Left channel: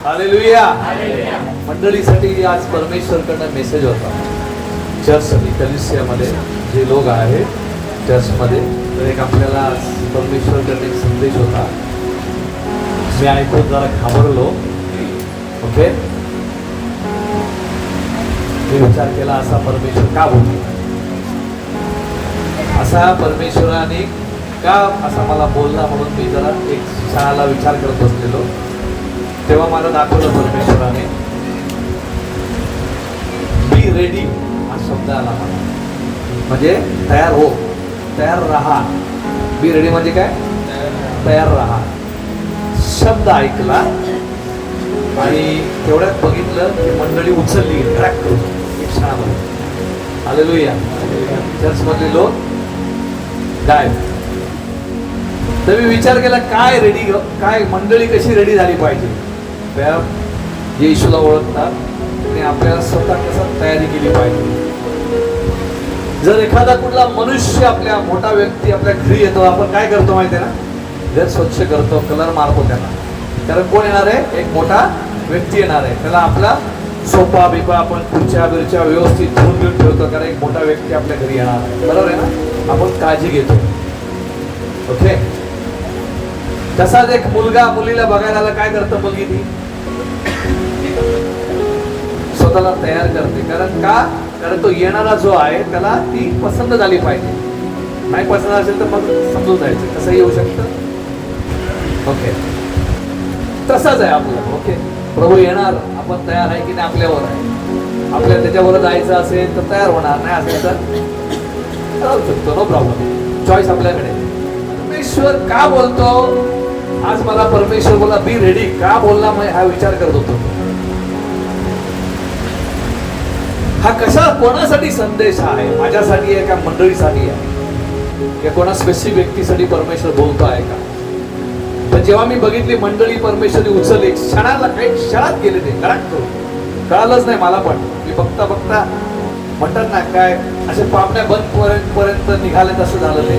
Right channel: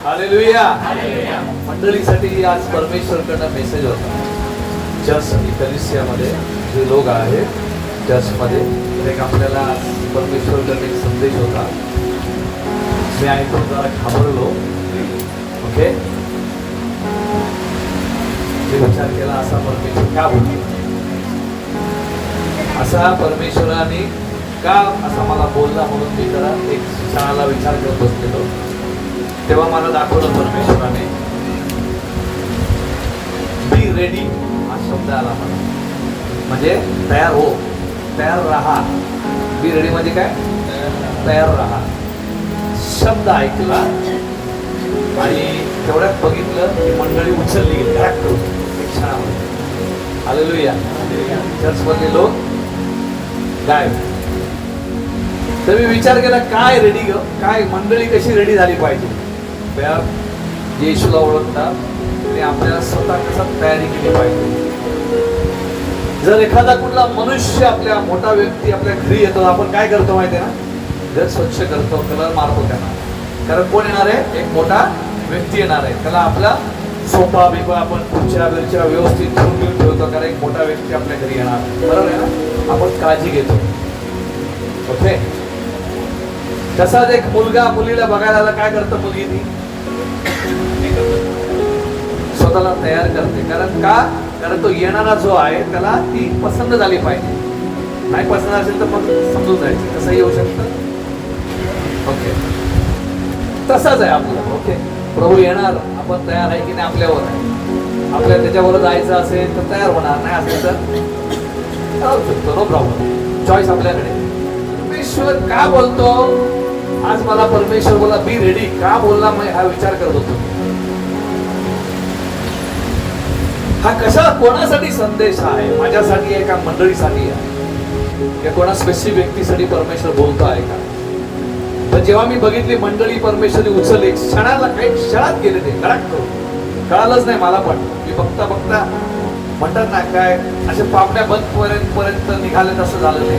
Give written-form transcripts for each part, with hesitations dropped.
Hallelujah. मंडळीसाठी आज परमेश्वरकडनं message होता. चर्चसाठी कलिसियामध्ये जे लोक आहेत चर्चमध्ये, तर एक आपल्याला परमेश्वरकडनं एक संदेश होता. मी ऐकून जरा घाबरलो. ओके, मी विचार केला असा परमेश्वर का बोलतो, असा परमेश्वराने का असा मला बोलला, म्हणून मी जरा एक क्षणाला विचार करत बसलेलो. तेव्हा मला दाखवलं परमेश्वराने बी रेडी हा शब्द आला मला. म्हणजे तयार हो, तयार राहा. बी रेडी म्हणजे काय? तयार राहा. शब्द ऐकला आणि तेवढ्यात बघितलं की मंडळी उचलली हालेलुया. चर्च मधले लोक गायब. तर मी विचार केला काय रेडी, काय मंडळी कशी रेडी झाली पाहिजे. जे येशूला ओळखतात ते आपल्याला स्वतः कसा तयारी केली पाहिजे. जर एखादा कुठला मनुष्य, आपल्या मोठा व्यक्ती आपल्या घरी येतो, आपण काय करतो माहिती आहे ना? घर स्वच्छ करतो, कलर मारतो त्याला. कारण कोण येणार आहे? एक मोठा व्यक्ती येणार आहे. त्याला आपला सोफा बिफा आपण खुर्च्या बिरच्या व्यवस्थित ठेवून ठेवतो, कारण एक मोठा व्यक्ती आपल्या घरी येणार. बरोबर आहे ना? आपण काळजी घेतो. ओके. तसाच एक मुलगा मुलीला बघायला काय करतं? मुलगी ती स्वतःला तयार करते. कारण का? कारण तो येणारा जो आहे त्याला ती पसंत झाली पाहिजे. नाही पसंत असेल तर मग समजून जायचं, कसं येऊ शकतं. ओके, तसाच आहे आपलं. ओके, प्रभू येणार, आपण तयार आहे की नाही आपल्यावर आहे. आपल्याला त्याच्यावर जायचं असेल तर तयार होणार, नाही असेल तर राहू शकतो. नो प्रॉब्लेम, चॉईस आपल्याकडे. परमेश्वर का बोलतो आज? मला परमेश्वर बोला बी रेडी का बोलला, मी हा विचार करत होतो. हा कशा कोणासाठी संदेश आहे? माझ्यासाठी आहे का मंडळीसाठी आहे? या कोणा स्पेसिफिक व्यक्तीसाठी परमेश्वर बोलतो आहे का? पण जेव्हा मी बघितली मंडळी परमेश्वरने उचलली, क्षणाला काही क्षणात गेले ते कळालंच नाही मला. पण की बघता बघता म्हणतात ना काय असे पापण्या बंद पर्यंत निघाले, तसं झालं ते.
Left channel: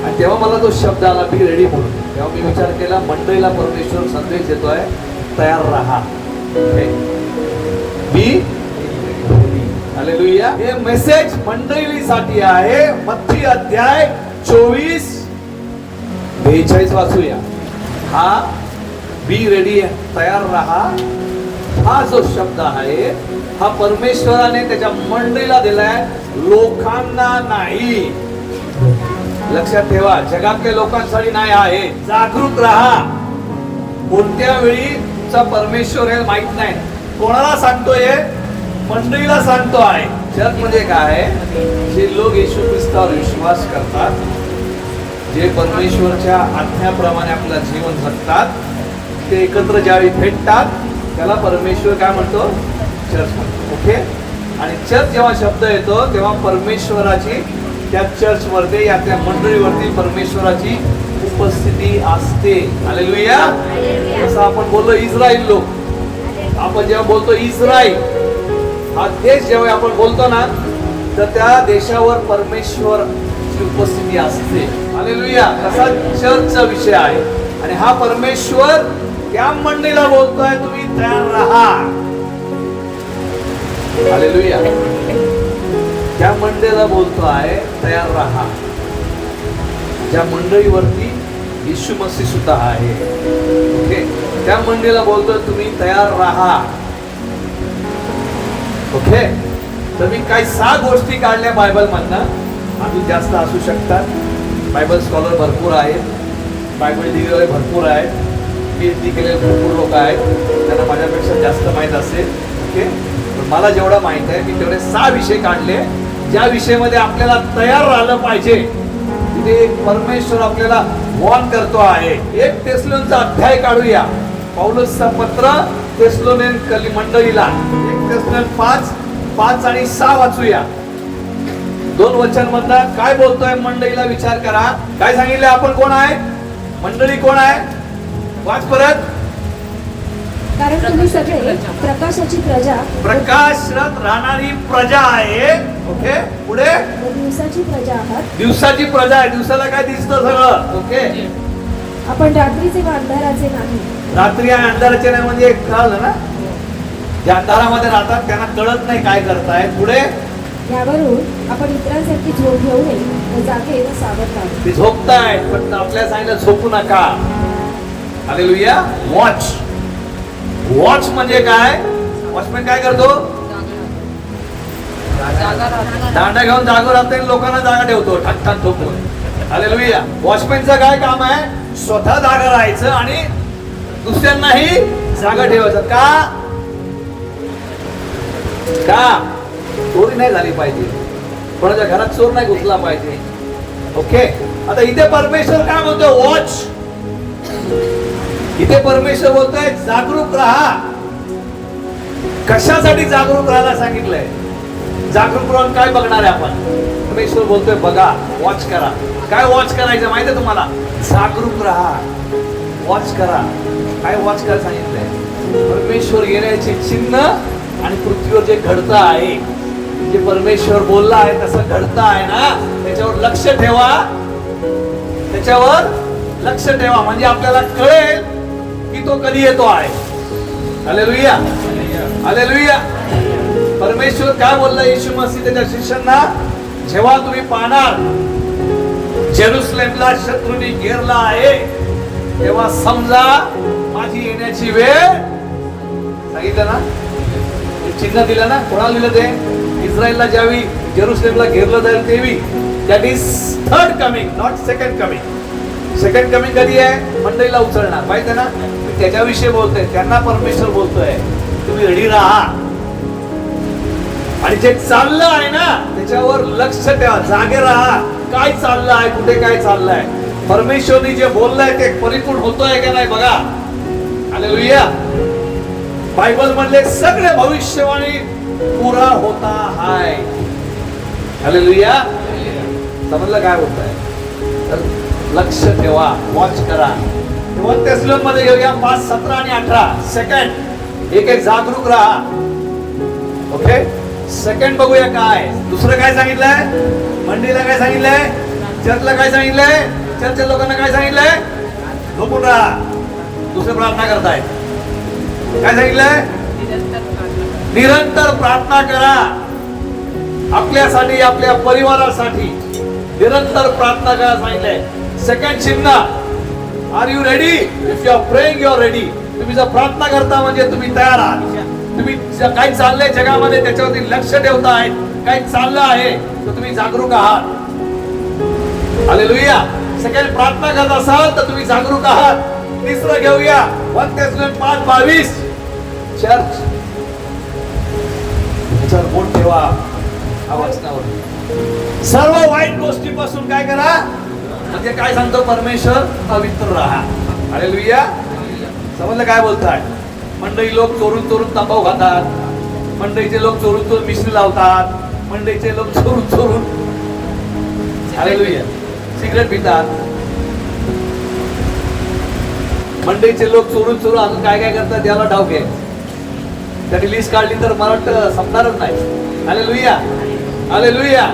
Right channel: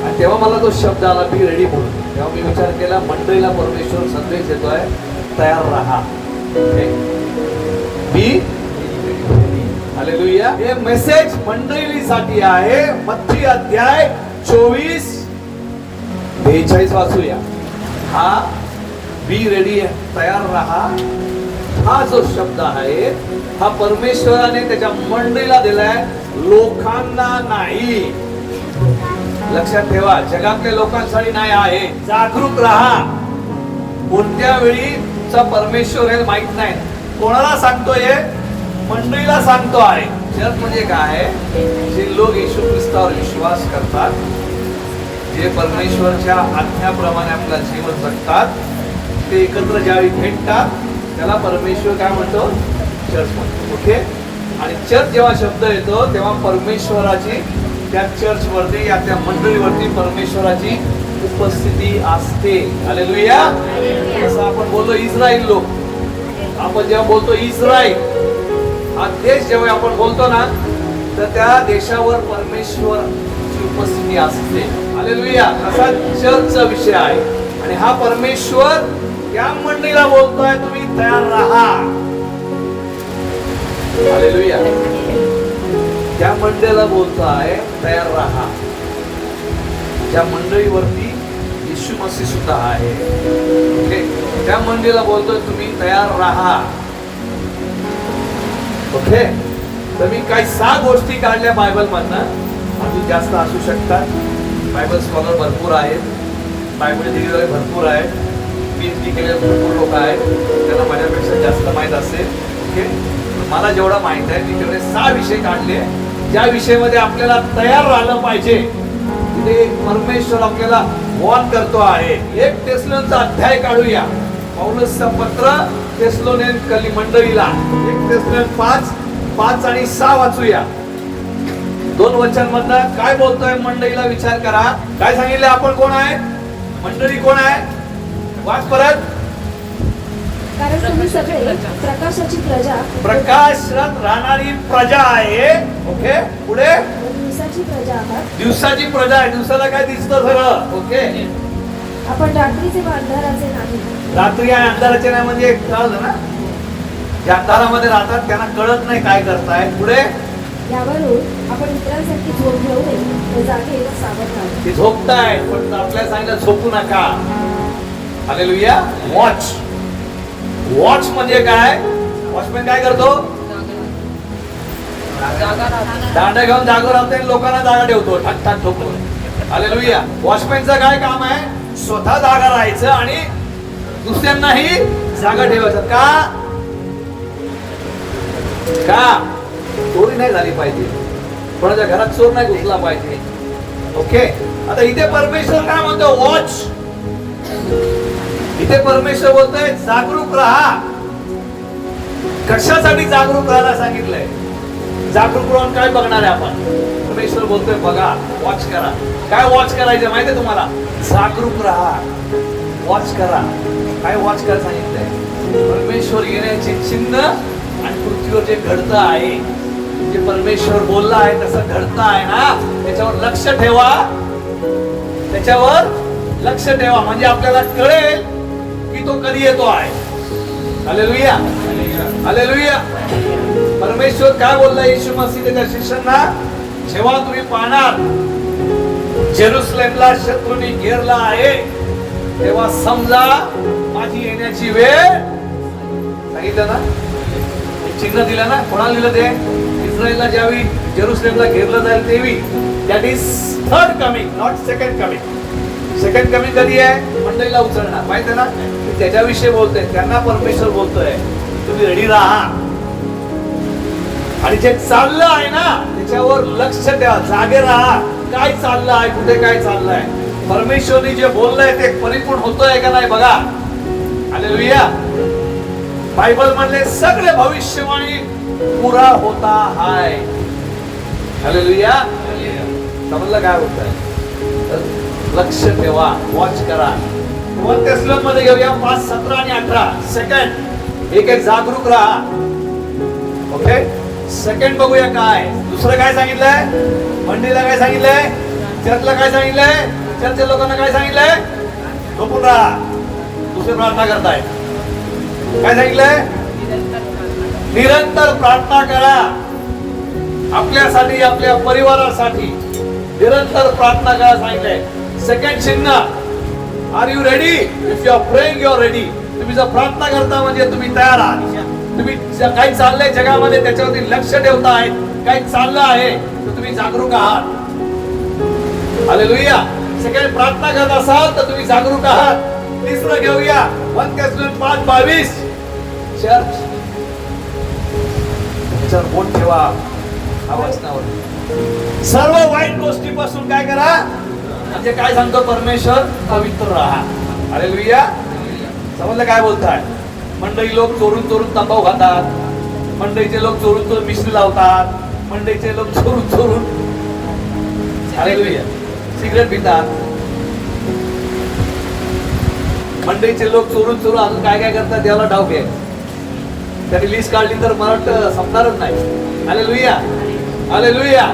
आणि तेव्हा मला तो शब्द आला बी रेडी म्हणून. तेव्हा मी विचार केला मंडळीला परमेश्वर संदेश देतोय, तयार राहा. बी हालेलुया. हे मेसेज मंडळीसाठी आहे. मत्ती अध्याय 24:42 वाचूया. हा बी रेडी, तयार राहा, हा जो शब्द आहे हा परमेश्वराने त्याच्या मंडळीला दिलाय, लोकांना नाही. लक्षात ठेवा, जगातल्या लोकांसाठी नाही आहे. जागरूक राहा. कोणत्या वेळी परमेश्वर हे माहित नाही. कोणाला सांगतोय? मंडळीला सांगतो आहे. चर्च म्हणजे काय? जे लोक येशू ख्रिस्तावर विश्वास करतात, जे परमेश्वरच्या आज्ञाप्रमाणे आपलं जीवन जगतात, ते एकत्र ज्यावेळी भेटतात त्याला परमेश्वर काय म्हणतो? चर्च म्हणतो. ओके. आणि चर्च जेव्हा शब्द येतो तेव्हा परमेश्वराची त्या चर्च वरती या त्या मंडळीवरती परमेश्वराची उपस्थिती असते. हालेलुया. जसं आपण बोललो इस्रायल लोक, आपण जेव्हा बोलतो इस्रायल हा देश, जेव्हा आपण बोलतो ना, तर त्या देशावर परमेश्वरची उपस्थिती असते. हालेलुया. असा चर्चचा विषय आहे. आणि हा परमेश्वर त्या मंडळीला बोलतोय, तुम्ही तयार राहा. हालेलुया. त्या मंडळीला बोलतो आहे, तयार राहा. ज्या मंडळीवरती येशू मसीह सुद्धा आहे. ओके, त्या मंडळीला बोलतोय तुम्ही तयार राहा. ओके. तर मी काही 6 गोष्टी काढल्या बायबल मधनं. अजून जास्त असू शकतात. बायबल स्कॉलर भरपूर आहेत, बायबल लिहिलेले भरपूर आहेत, PhD केलेले भरपूर लोक आहेत, त्यांना माझ्यापेक्षा जास्त माहित असेल. ओके. मला जेवढं माहित आहे मी तेवढे 6 विषय काढले, ज्या विषयामध्ये आपल्याला तयार राहिलं पाहिजे. तिथे परमेश्वर आपल्याला वॉर्न करतो आहे. 1 थेसलोनिकचा अध्याय काढूया. पौलसचं पत्र थेसलोनिक मंडळीला. 1 थेसलोनिक 5 आणि 6 वाचूया. 2 वचन मधनं काय बोलतोय मंडळीला विचार करा. काय सांगितलं? आपण कोण आहे? मंडळी कोण आहे? वाच परत. कारण तुम्ही सगळे प्रकाशाची प्रजा, प्रकाशात राहणारी प्रजा आहे. ओके. पुढे दिवसाची प्रजा आहात. दिवसाची प्रजा आहे. दिवसाला काय दिसतं सगळं. ओके. आपण रात्रीचे व अंधाराचे नाही. रात्री आणि अंधाराचे नाही म्हणजे कळलं ना, ज्या अंधारामध्ये राहतात त्यांना कळत नाही काय करताय. पुढे यावरून आपण इतरांसारखी झोप घेऊ नये व जागे सावध राहावे. ते झोपताय पण आपल्याला सांगितलं झोपू नका. हालेलुया. वॉच. वॉच म्हणजे काय? वॉचमॅन काय करतो? दांडा घेऊन जागो राहते लोकांना जागा ठेवतो, ठाक ठाक झोपतो. हालेलुया. वॉचमॅनचं काय काम आहे? स्वतः जागा राहायचं आणि दुसऱ्यांनाही जागा ठेवायचं. का चोरी नाही झाली पाहिजे, कोणाच्या घरात चोर नाही घुसला पाहिजे. ओके. आता इथे परमेश्वर काय म्हणतो? वॉच. इथे परमेश्वर बोलतोय जागरूक राहा. कशासाठी जागरूक राहायला सांगितलंय? जागरूक राहून काय बघणार आहे आपण? परमेश्वर बोलतोय बघा, वॉच करा. काय वॉच करायचं माहितीये तुम्हाला? जागरूक राहा, वॉच करा. काय वॉच करायला सांगितलंय? परमेश्वर येण्याचे चिन्ह आणि पृथ्वीवर जे घडतं आहे, जे परमेश्वर बोलला आहे तसं घडतं आहे ना, त्याच्यावर लक्ष ठेवा. त्याच्यावर लक्ष ठेवा म्हणजे आपल्याला कळेल की तो कधी येतो आहे. हालेलुया. हालेलुया. परमेश्वर काय बोलला येशू मसीह त्याच्या शिष्यांना? जेव्हा तुम्ही पाहणार जेरुसलेमला शत्रूंनी घेरला आहे तेव्हा समजा माझी येण्याची वेळ. सांगितलं ना, हे चिन्ह दिलं ना. कोणाला दिलं ते? इस्रायलला ज्यावेळी जेरुसलेमला घेरलं जाईल तेवी. That is third coming, not second coming. Second coming कधी आहे? मंडळीला उचलणार. माहिती ना, त्याच्याविषयी बोलतोय. त्यांना परमेश्वर बोलतोय तुम्ही रेडी राहा आणि जे चाललं आहे ना त्याच्यावर लक्ष ठेवा, जागे राहा. काय चाललं आहे, कुठे काय चाललंय? परमेश्वरने जे बोललंय ते परिपूर्ण होतोय का नाही बघा. हालेलुया. बायबल मधले सगळे भविष्यवाणी पुरा होता आहे. हालेलुया. समजलं काय होतंय? लक्ष ठेवा, वॉच करा. तेसलोन मध्ये घेऊया 5, 17 आणि 18. सेकंड एक एक जागरूक राहा. ओके. सेकंड बघूया काय दुसरं काय सांगितलंय. मंडळीला काय सांगितलंय? चर्चला काय सांगितलंय? चर्चच्या लोकांना काय सांगितलंय? झोपून राहा. दुसरी प्रार्थना करताय. काय सांगितलंय? निरंतर प्रार्थना करा. आपल्यासाठी, आपल्या परिवारासाठी निरंतर प्रार्थना करा सांगितलंय. सेकंड चिन्ह, are you ready? If you are praying, you are ready. तुम्ही जर प्रार्थना करता म्हणजे तुम्ही तयार आहात. तुम्ही काय चाललंय जगामध्ये त्याच्यावरती लक्ष ठेवताय. काय चाललं आहे तर तुम्ही जागरूक आहात. हालेलुया. सेकंड प्रार्थना करत असाल तर तुम्ही जागरूक आहात. तिसरं घेऊया 1 Thessalonians 5:22. चर्च बोट ठेवा वचनावर. सर्व वाईट गोष्टीपासून काय करा म्हणजे काय सांगतो परमेश्वर? पवित्र राहा. हालेलुया. समजलं काय बोलताय? मंडळी लोक चोरून चोरून तंबाखू खातात. मंडळीचे लोक चोरून चोरून मिश्री लावतात. मंडळीचे लोक चोरून चोरून हालेलुया सिगरेट पितात. मंडळीचे लोक चोरून चोरून अजून काय काय करतात देवाला डाव घ्यायचं. त्याची लिस्ट काढली तर मला वाटतं संपणारच नाही. हालेलुया. हालेलुया.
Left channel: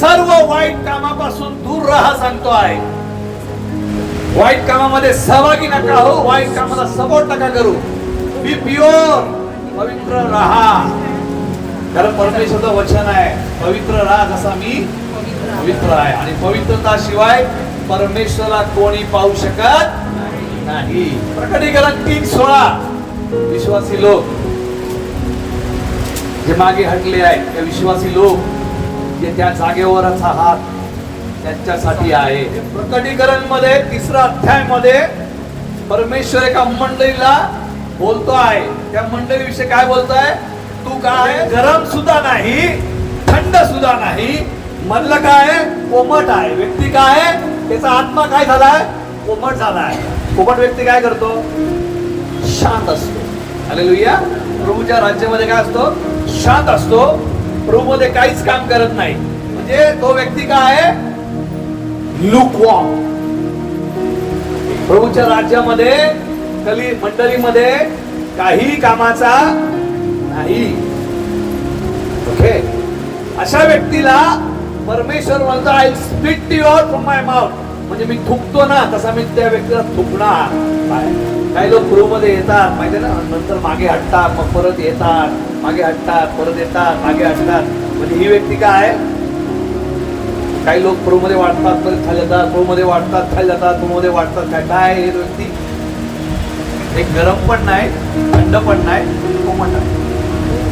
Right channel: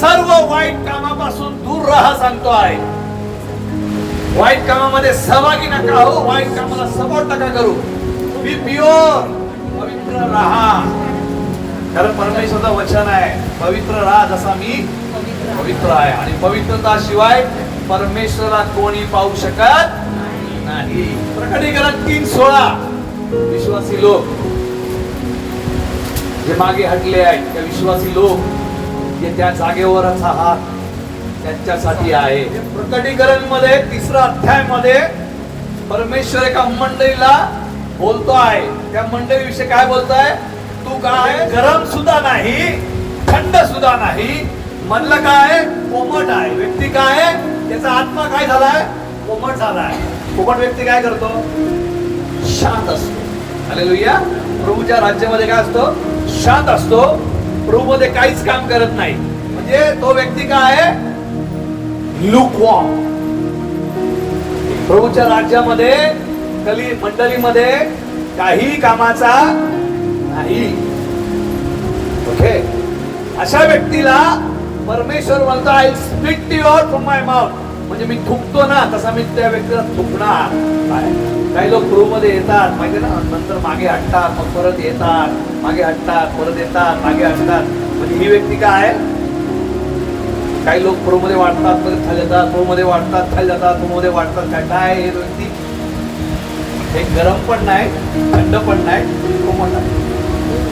सर्व वाईट कामापासून दूर राहा सांगतो आहे. वाईट कामामध्ये सहभागी नका हो. वाईट कामाला सपोर्ट नका करू. बी प्युअर, पवित्र राहा. कारण परमेश्वराचं वचन आहे पवित्र राहा जसा मी पवित्र आहे. आणि पवित्रता शिवाय परमेश्वराला कोणी पाहू शकत नाही. प्रकटीकरण 3:16. विश्वासी लोक जे मागे हटले आहेत ते विश्वासी लोक जे त्या जागेवरच आहात त्यांच्यासाठी आहे. प्रकटीकरण मध्ये 3रा अध्याय मध्ये परमेश्वर एका मंडळीला बोलतो आहे. त्या मंडळीविषयी काय बोलतोय? तू काय गरम सुद्धा नाही, थंड सुद्धा नाही. म्हणलं काय? कोमट आहे. व्यक्ती काय? त्याचा आत्मा काय झालाय? कोमट झालाय. कोमट व्यक्ती काय करतो? शांत असतो. हालेलुया. प्रभूच्या राज्यामध्ये काय असतो? शांत असतो. प्रभू मध्ये काहीच काम करत नाही. म्हणजे तो व्यक्ती काय आहे? लुकवॉर्म. प्रभूच्या राज्यामध्ये मंडळीमध्ये काही कामाचा नाही. ओके. अशा व्यक्तीला परमेश्वर म्हणतो I speak to you from my mouth. म्हणजे मी थुकतो ना तसा मी त्या व्यक्तीला थुकणार. काही लोक प्रभूमध्ये येतात माहिती ना, नंतर मागे हटतात, मग परत येतात, मागे हटतात, परत येतात, मागे हटतात. म्हणजे ही व्यक्ती काय आहे? काही लोक प्रभूमध्ये वाढतात, परत खाली जातात, प्रभूमध्ये वाढतात, खाली जातात, प्रभूमध्ये वाढतात. काय काय हे व्यक्ती? एक गरम पण नाही, थंड पण नाही, कोमट आहे.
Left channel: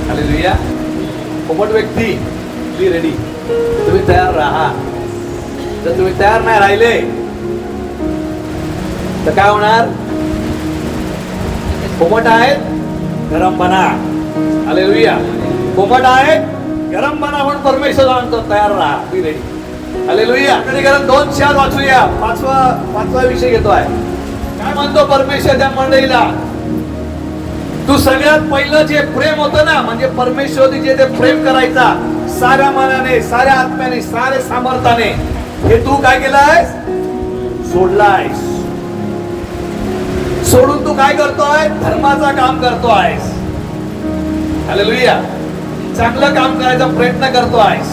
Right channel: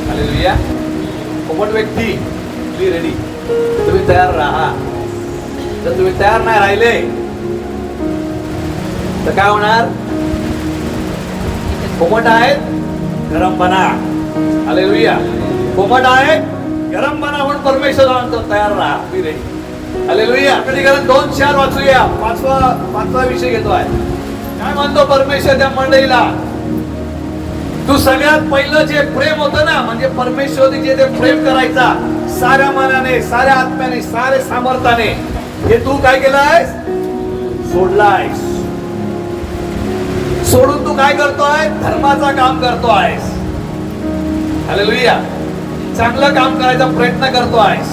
हालेलुया. कोमट व्यक्ती, बी रेडी. तुम्ही तयार राहा. जर तुम्ही तयार नाही राहिले तर काय होणार? कोमट आहेत, गरम बना. हालेलुया. कोमट आहे, गरम बना म्हणून परमेश्वर म्हणतो तयार राहा, बी रेडी. हालेलुया. कारण 2:4 वाचूया. पाचवा विषय घेतोय. काय म्हणतो परमेश्वर त्या मंडळीला? तू सगळ्यात पहिलं जे प्रेम होतं ना, म्हणजे परमेश्वर जे ते प्रेम करायचा साऱ्या मनाने, साऱ्या आत्म्याने, साऱ्या सामर्थ्याने, हे तू काय केलंयस? सोडलायस. सोडून तू काय करतोय? धर्माचं काम करतोयस. हालेलुया. चांगलं काम करायचा प्रयत्न करतोयस.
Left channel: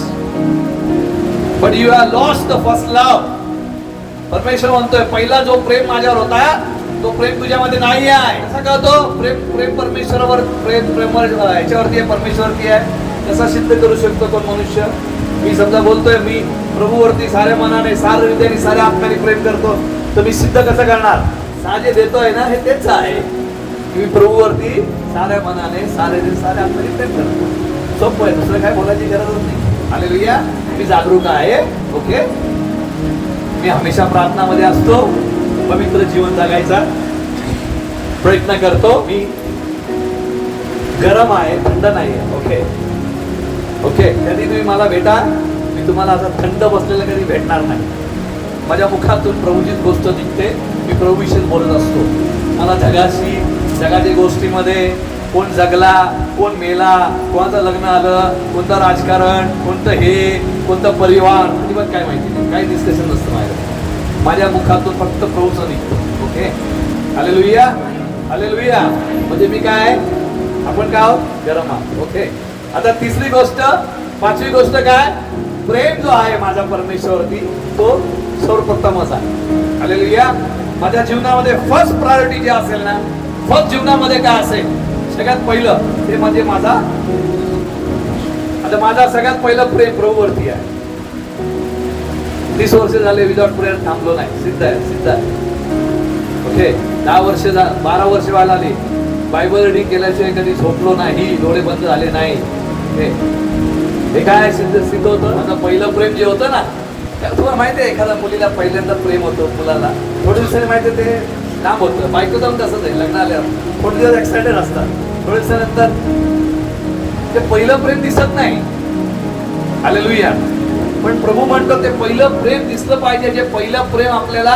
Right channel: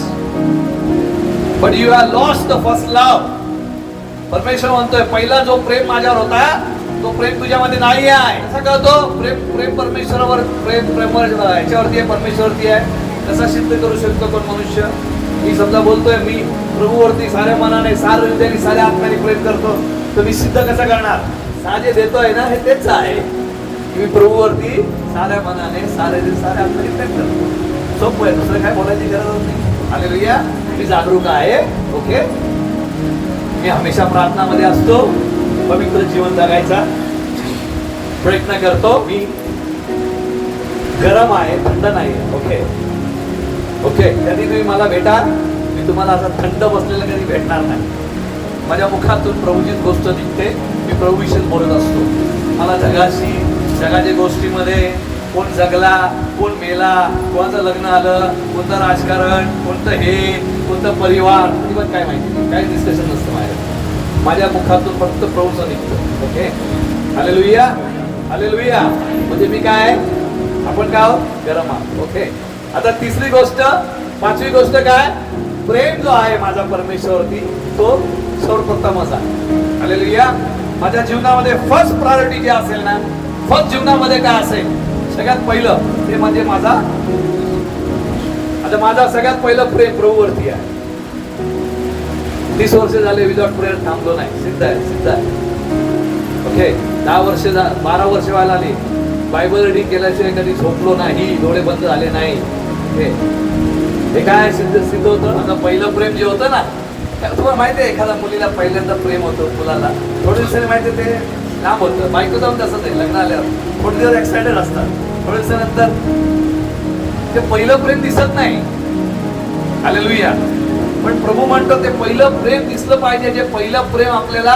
But you have lost the first love. परमेश्वर म्हणतोय पहिला जो प्रेम माझ्यावर होता तो प्रेम तुझ्यामध्ये नाही आहे. कसा कळतो? प्रेम परमेश्वरावर, प्रेम याच्यावरती आहे, परमेश्वरवरती आहे. कसा सिद्ध करू शकतो कोण मनुष्य? मी समजा बोलतोय मी प्रभूवरती साऱ्या मनाने, साऱ्या हृदयाने, साऱ्या आत्म्याने प्रेम करतो, तर मी सिद्ध कसं करणार? जे देतोय ना हे तेच आहे. मी प्रभूवरती साऱ्या मनाने, साऱ्या आत्म्याने प्रेम करतो. सोपं आहे, दुसरं काय बोलायची गरज नाही. हालेलुया. मी जागरूक आहे. ओके. मी हमेशा प्रार्थनामध्ये असतो, पवित्र जीवन जगायचा प्रयत्न करतो. मी गरम आहे, थंड नाही. Okay okay. कधी तुम्ही मला भेटा, मी तुम्हाला असं थंड बसलेलं कधी भेटणार नाही. माझ्या मुखातून प्रभूची गोष्ट निघते, मी प्रभूविषयी बोलत असतो. मला जगाशी, जगाच्या गोष्टीमध्ये कोण जगला, कोण मेला, कोणाचं लग्न आलं, कोणतं राजकारण, कोणतं हे, कोणतं परिवार काय माहिती नाही. काही डिस्कशन नसतं माझ्या मुखातून फक्त प्रभूचं निघतो. ओके. हालेलुया. हालेलुया. म्हणजे मी काय, आपण काय आहोत? गरम आहोत. ओके. आता तिसरी गोष्ट, पाचवी गोष्ट काय? प्रेम जो आहे माझा परमेश्वरवरती तो सर्वप्रथमच आहे. हालेलुया. माझ्या जीवनामध्ये फर्स्ट प्रायोरिटी जे असेल ना, फर्स्ट जीवनामध्ये काय असेल? सगळ्यात पहिलं ते म्हणजे माझा, आता माझा सगळ्यात पहिलं प्रेम प्रभूवरती आहे. 30 वर्ष झाले विदाउट प्रेयर थांबलो नाही. सिद्ध आहे, सिद्ध आहे. ओके. 12 वर्ष व्हायला आली. बायबल रीडिंग केल्याशिवाय कधी झोपलो नाही, डोळे बंद झाले नाही. हे काय सिद्ध होतं? माझं पहिलं प्रेम जे होतं ना, तुम्हाला माहिती आहे एखाद्या मुलीला पहिल्यांदा प्रेम होतं, मुलाला थोड्या दिवसांनी माहिती ते लांब होतं. बायको जाऊन तसं नाही, लग्न आल्यावर थोडे दिवस एक्साइटेड असतात, थोड्या दिवसानंतर ते पहिलं प्रेम दिसत नाही. हालेलुया. पण प्रभू म्हणतो ते पहिलं प्रेम दिसलं पाहिजे. जे पहिलं प्रेम आपल्याला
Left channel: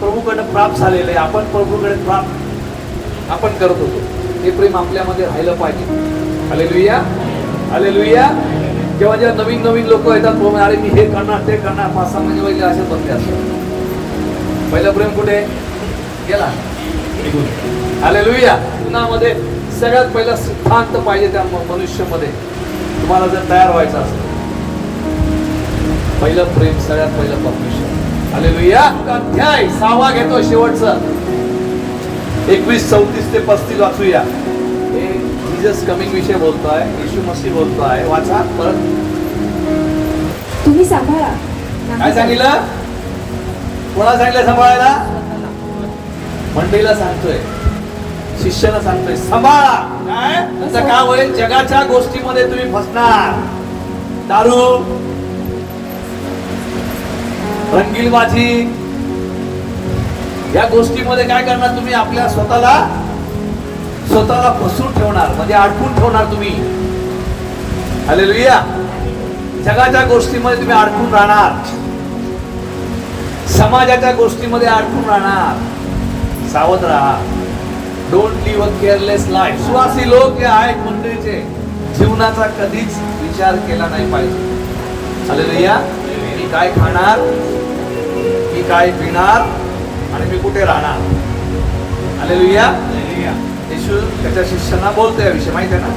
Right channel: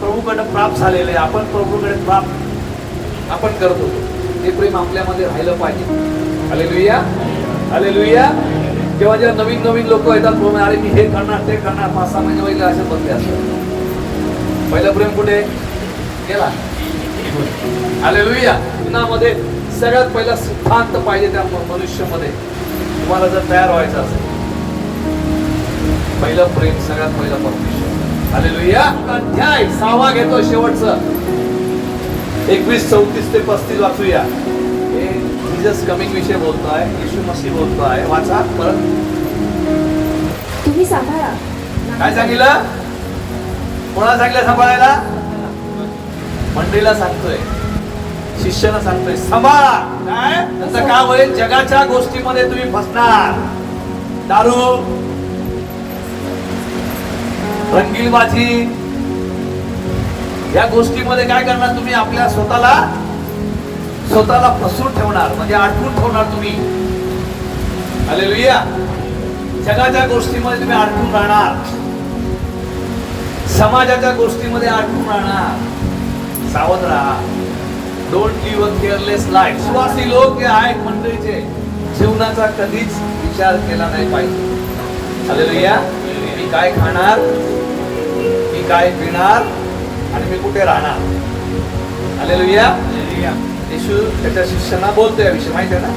प्रभूकडे प्राप्त झालेलं आहे, आपण प्रभूकडे प्राप्त आपण करत होतो, ते प्रेम आपल्यामध्ये राहिलं पाहिजे. हालेलुया. हालेलुया. जेव्हा नवीन लोक येतात, कोण अरे मी हे करणार, ते करणार, 5-6 महिने वगैरे असे बसले असतात. पहिलं प्रेम कुठे गेला? हालेलुया. जीवनामध्ये सगळ्यात पहिला सिद्धांत पाहिजे त्या मनुष्यामध्ये. तुम्हाला जर तयार व्हायचं असेल, पहिलं प्रेम, सगळ्यात पहिलं परमेश्वर. हालेलुया. अध्याय 6 घेतो शेवटचं, 21, 34 ते 35 वाचूया. हे जीसस कमिंग विषय बोलतोय, येशू मसीह बोलतोय. वाचा परत. तुम्ही सांभाळा. काय सांगितलं? कोणाला सांगितलं सांभाळायला? मंडळीला सांगतोय, शिष्याला सांगतोय सांभाळा. काय त्याचं काय होईल? जगाच्या गोष्टीमध्ये तुम्ही फसणार. दारू, रंगीलबाजी, या गोष्टीमध्ये काय करणार तुम्ही? आपल्या स्वतःला फसवून ठेवणार, म्हणजे अडकून ठेवणार तुम्ही. हालेलुया. जगाच्या गोष्टीमध्ये तुम्ही अडकून राहणार, समाजाच्या गोष्टीमध्ये अडकून राहणार. सावध राहा. Don't live a careless life. सुवासी लोक जे आहेत मंडळीचे, जीवनाचा कधीच विचार केला नाही पाहिजे. हालेलुया. मी काय खाणार, मी काय पिणार आणि मी कुठे राहणार. हालेलुया. येशू त्याच्या शिष्यांना बोलतो याविषयी, माहिती आहे ना?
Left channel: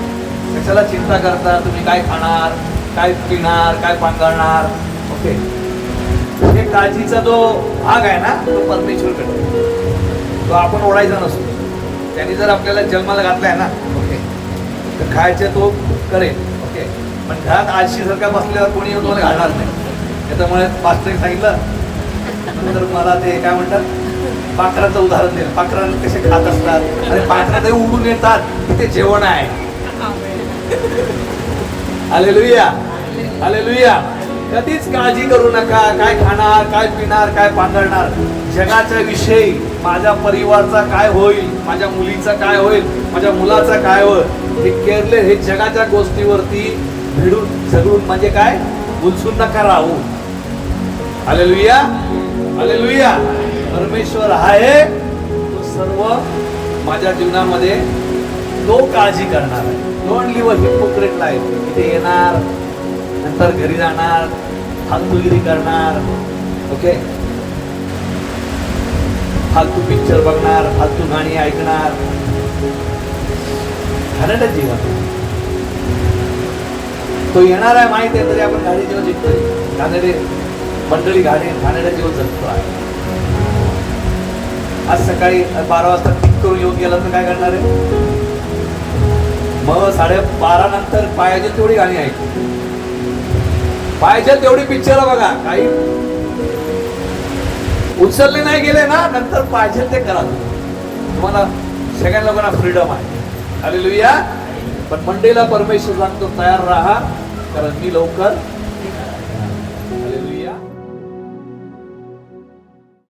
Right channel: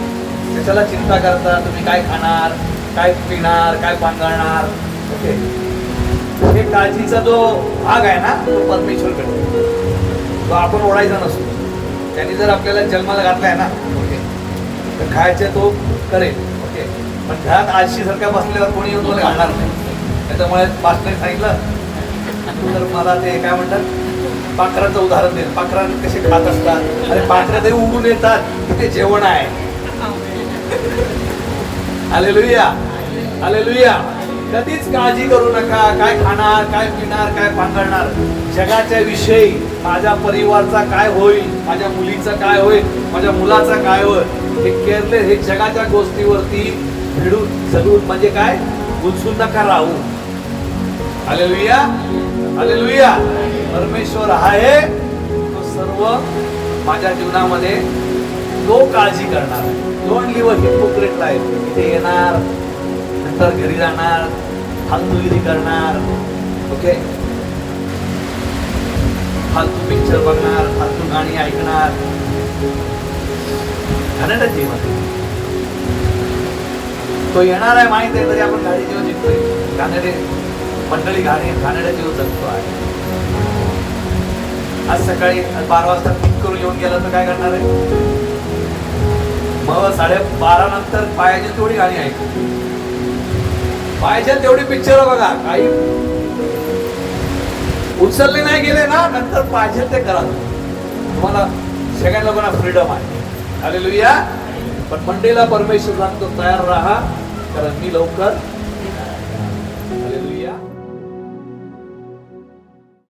कशाला चिंता करता? तुम्ही काय खाणार, काय पिणार, काय पांघरणार. ओके. हे काळजीचा जो भाग आहे ना तो परमेश्वर करतो, तो आपण ओढायचा नसतो. त्यांनी जर आपल्याला जन्माला घातलाय ना, ओके, तर खायचं तो करेल, ओके. पण घरात आळशी सारखा बसल्यावर कोणी कोणी घालणार नाही. त्याच्यामुळे पास्टरने सांगितलं, तर मला ते काय म्हणतात, पाखराचं उदाहरण दे. पाखरांनी कसे खात असतात, अरे पाखरं ते उगून येतात की ते जेवण आहे. Hallelujah, hallelujah. कधीच काळजी करू नका, काय खाणार, काय पिणार, काय पांघरणार. जगाच्या विषयी माझ्या परिवारचा काय होईल, माझ्या मुलीचा काय होईल, माझ्या मुलाचा काय होईल, हे केअरलेस, हे जगाच्या गोष्टीवरती भिडून जगून म्हणजे काय गुंतून नका राहू. Hallelujah, hallelujah. परमेश्वर आहे तो सर्व माझ्या जीवनामध्ये तो काळजी करणार. Don't live a hypocrite life. इथे येणार, नंतर घरी जाणार, फालतूगिरी करणार, ओके, फालतू पिक्चर बघणार, फालतू गाणी ऐकणार, घाणेरडं जीवन. तो येणार आहे माहिती आहे, तरी आपण घाणे जीवन जगतोय. घाणेरडे मंडळी, घाणेरडे जीवन जगतो आहे. आज सकाळी 12 वाजता पिक करून येऊन गेला तर काय करणार आहे? मग 12:30 नंतर पाहिजे तेवढी गाणी ऐकू, पाहिजे तेवढी पिक्चर बघा, काही उचलले नाही गेले ना, नंतर पाहिजे ते करा. तुम्हाला सगळ्या लोकांना फ्रीडम आहे. हालेलुया. पण मंडेला परमेश्वर सांगतो तयार राहा, कारण मी लवकर